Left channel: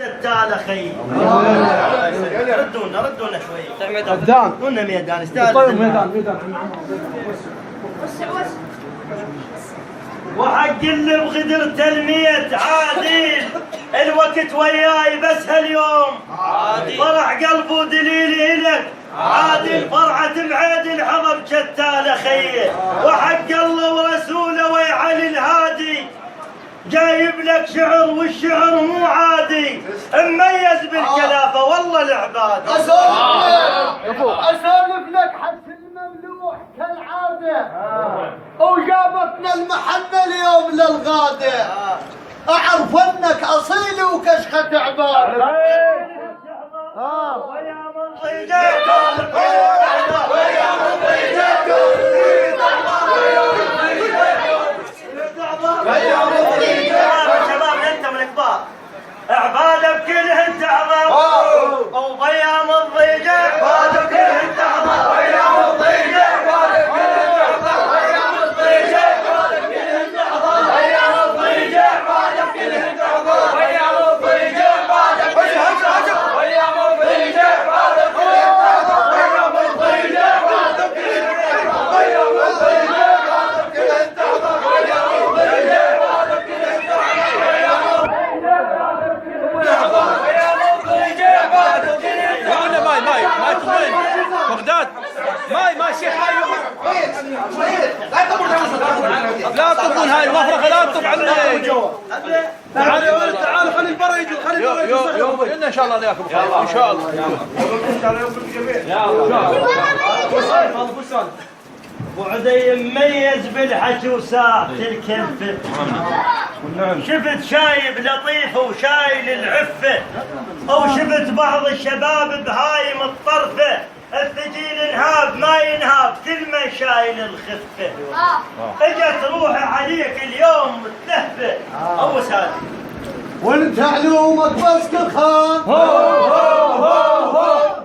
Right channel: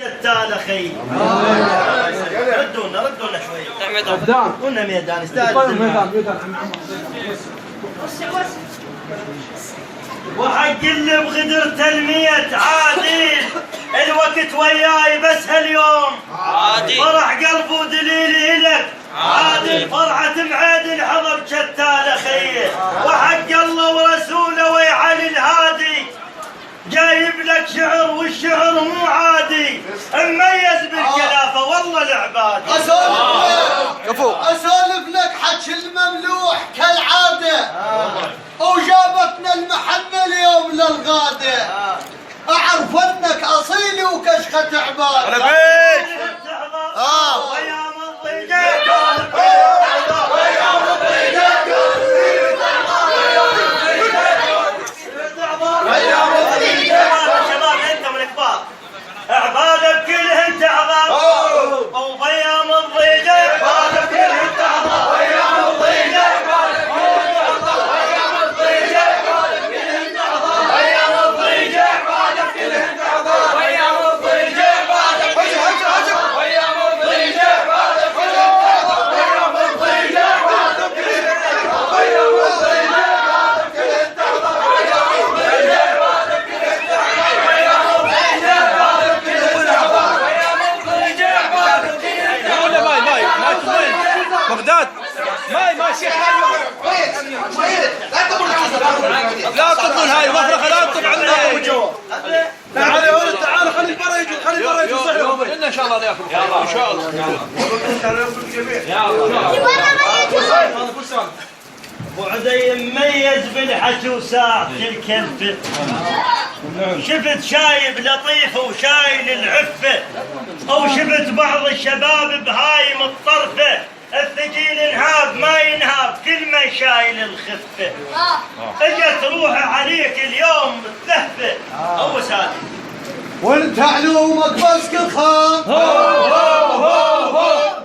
شتال اخي ردونا شوي قلنا ميدان استاذ وحق اللي بغدر تلمية عادل الوقت وياي بس هاليوم فرح قلبه ودليلي لك عادل فرحة بعيد حضر شتال اخي وحق الله ورسوله ويعلي الهادي جايب لك شعر والشعر مو عادي مميز بالكلافه والله العباد اسولف لك حكي المملوح كالعاده وجابتنا المحنه اليوم للغاده اعرف انك اصيل وكشخه عباد ويا من عبادة بكلهن تعظم وضيام الضيجة عبادة بكلهن تعظم ويام الضيجة عبادة بكلهن تعظم ويام الضيجة عبادة بكلهن تعظم ويام الضيجة عبادة بكلهن تعظم ويام الضيجة عبادة بكلهن تعظم ويام الضيجة عبادة بكلهن تعظم ويام الضيجة عبادة بكلهن تعظم ويام الضيجة عبادة بكلهن تعظم ويام الضيجة عبادة بكلهن تعظم ويام بغداد ما شيخ لا تطول هاي المفرغه لا تطول عندنا تعالوا خلي البرا يجي ان شاء الله ناكل ان شاء الله ابو عدي مميز بالحكي وساعة الكلفة شفت شايب لطيفة وشايل العفة او شفت بعض الشباب بهايم الطرفة الثقيل انهاب ما ينهاب كل من شايل الخفة اجت روحه عليك اليوم متلهفة او سادي وانت علومك بس كخان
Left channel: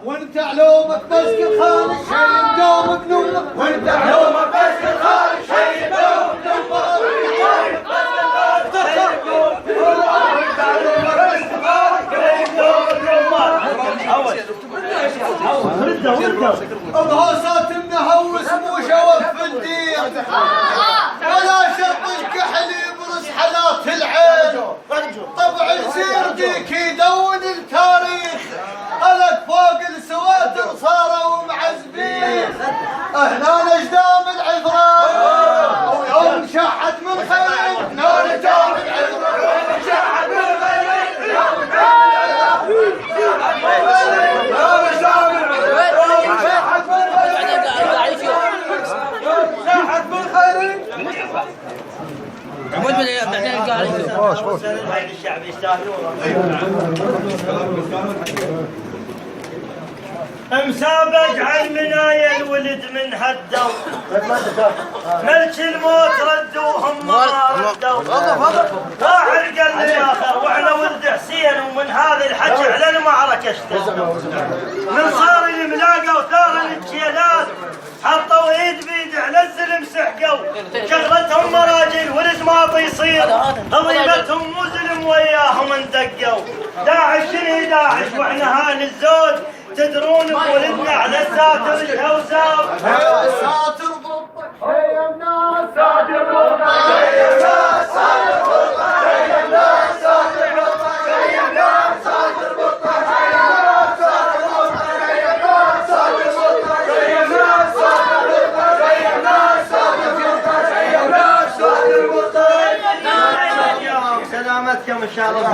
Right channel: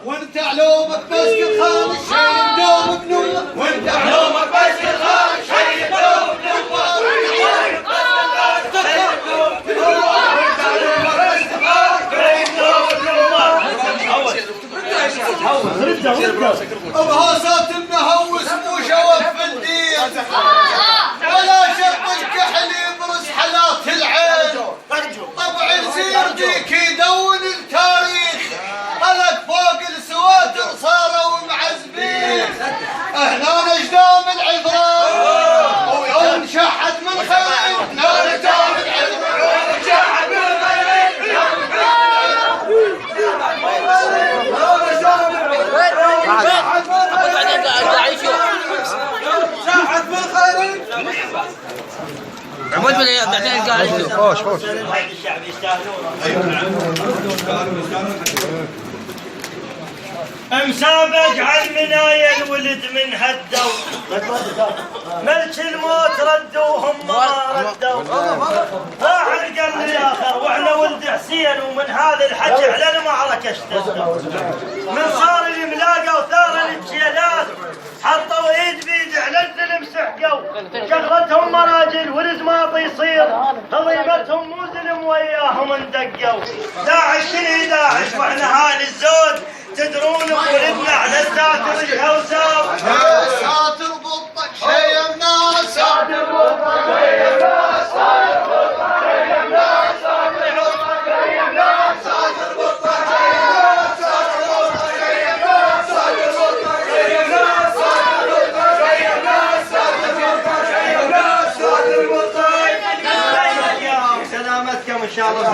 وانت علومك بس كخان الشيء مدوم بنومك وانت علومك بس كخان الشيء مدوم بهوسات منهوس مو شوف في الدين ولا شط الكحل يبرز حالات العين طبع سيرتك يدون التاريخ خلق فوق السواتر صاروا معزبين هنا نجدام العذراء ويوم شحت من خير نجدام العذراء ويوم شحت من خير شحت من خير عمود من بعدين قاعد خوش الشعب يستاهلون مسابق على المنايا الولد من هدوا ملك الموت ردوهم ما ردوا واحد قال للاخر واحنا ولد حسين ومن هذا الحكي على المعركه اشتدوا من صار الملاقه وثار الجيلات حطوا ايد بيد على الزلم سحقوا شغلتهم مراجل والزماط يصير هضيمتهم مو زلم وياهم اندقوا داعش شنو داعش واحنا هال الزود تدرون بولدنا على الساتر الهوساو ساتر بطك شيمنا ساتر بطك شيمنا ساتر بطك شيمنا ساتر بطك شيمنا ساتر بطك شيمنا ساتر بطك شيمنا ساتر بطك شيمنا ساتر بطك شيمنا ساتر بطك شيمنا ساتر بطك سلامتكم ان شاء الله.